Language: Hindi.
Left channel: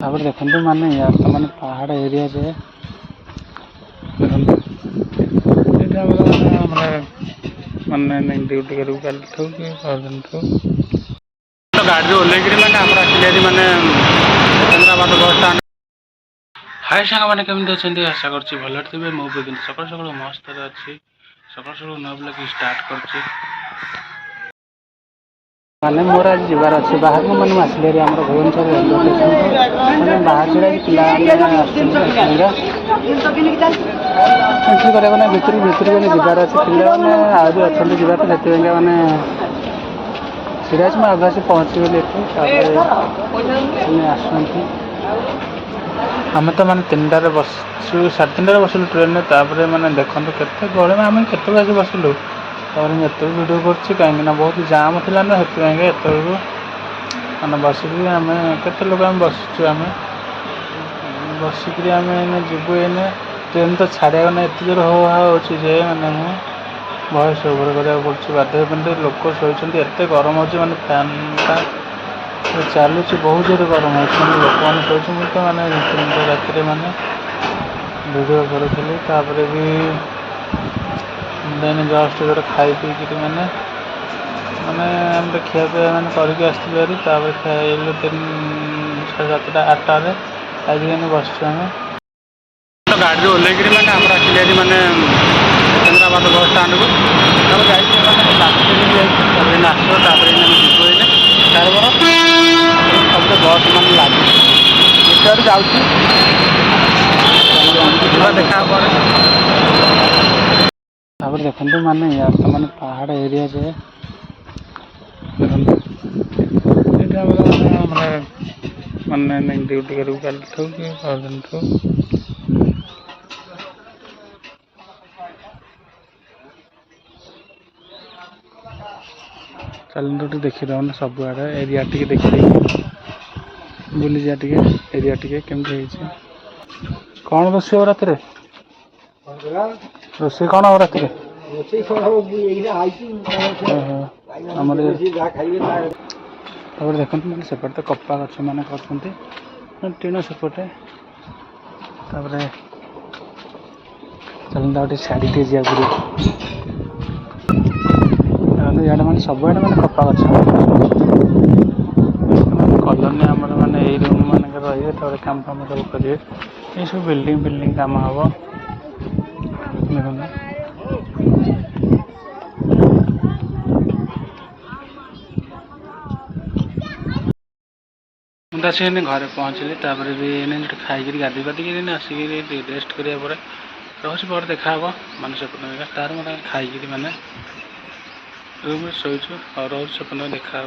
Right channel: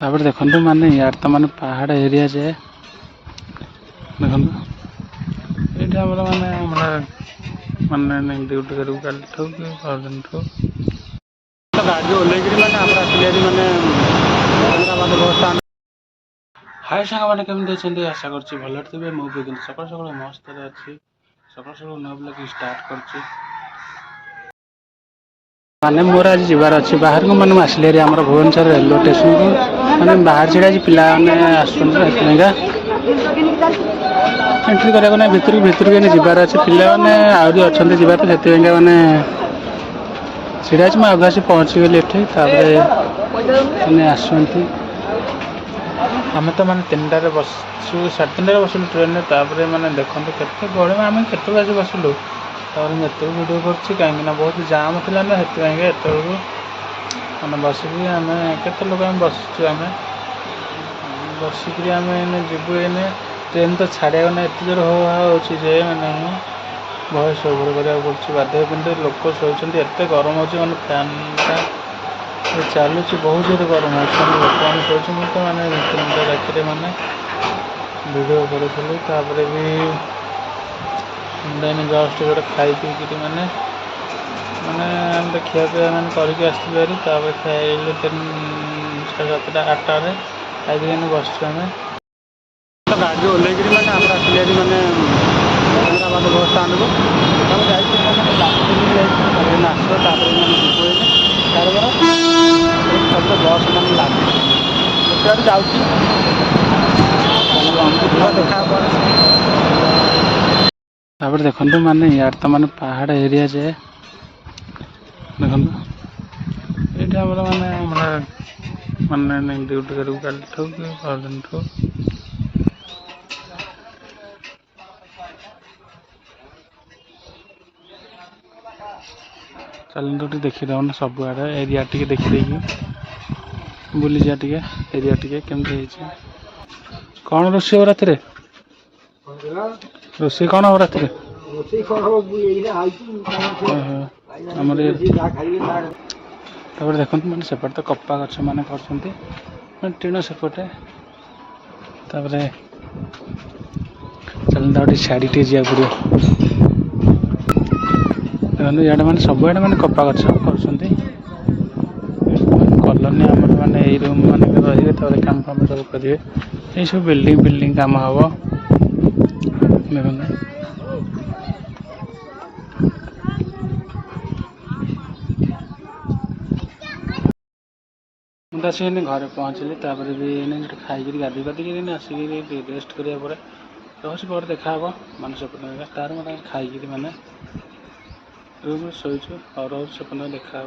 तापर देखते माने यार तो माने पहाड़ एरिया जे देखते माने ड्यूटी करूँ कल ठू कि परदिन ठू तो गाड़ी ओल्लैक मैंने आम आसिले मैंने सिकंदराबाद बस स्टाण्ड। हाय सांग मैंने केमती अच्छे आशा कर भल थे मुझे कि सकाल सकाल मस्त अच्छी सकाल सकाल न ब्लॉग स्टार्ट कर माने मोर आज जबार अच्छे बाहर को मैंने आसिले भुवनेश्वर रेलवे स्टेशन की मैंने बाहर छड़ा पिला एंट्री करना भितर भितर जबार अच्छे पिलाने आहरी अच्छा जबार से मैंने छड़ा मैं अभ्यास पहुँची गली एटे आसती आम तो माने 3टार बसु 3:30 बसलु ट्रेन मैंने देखो के गहली में आम के बसलु एत भिडियो कर कहीं बहुत जाम थी ना से मैंने बसिक आम के लोग आम बसुँ आम बसिक आम जीवु एने ट्रेन तो छाड़ा ना एत जोर हो जे मैंने मुझे भयस ओभर करा पड़े बाध्य पिंड लोक शोचते एत गरम हो मैंने फैन चलुच बहुत जोर गरम हो लोक मैंने शोच मुझे मैंने 3टा राति मैंने भिडियो करी भी देन जस्ट गोटे खाई पीक मैंने मैंने आम तो खिया पिया मैंने करके आसलु खाइलु 7:30 8टारे खाई बस आम तो गाड़ी ओल्लैक मैंने आम आसिले मैंने सिकंदराबाद बस स्टाण्ड को जाइए मैंने नाच जीवु सब बस मान लगे देखा देखते माने यार तो माने पहाड़ एरिया जे देखते माने ड्यूटी करूँ कल ठू कि परदिन ठू चलते देखीद सब आड़े एरिया टी देखी बुली जा एरिया टी केमती कौन रोषे रात रोषे कौन हो रात देखते मैंने सेपटे तो कपा गछ मैंने कर टीण सेपटे चलते छाड़ी टे जा पड़ो इे मैंने सब आड़े मैंने कपा गछ कलोनी आम मैंने यही रूम मानक रे काम फाम सब करेंगे ये सब बिल्डिंग काम हम मुझे आसिक घरे पहुँचली भी खाई गाधी पाधिक आसिक रेस्ट कराया रोज पर देखा माने सेपटे तार मैं खाई मैंने रूम शोचु और रोज सेपटे देखा।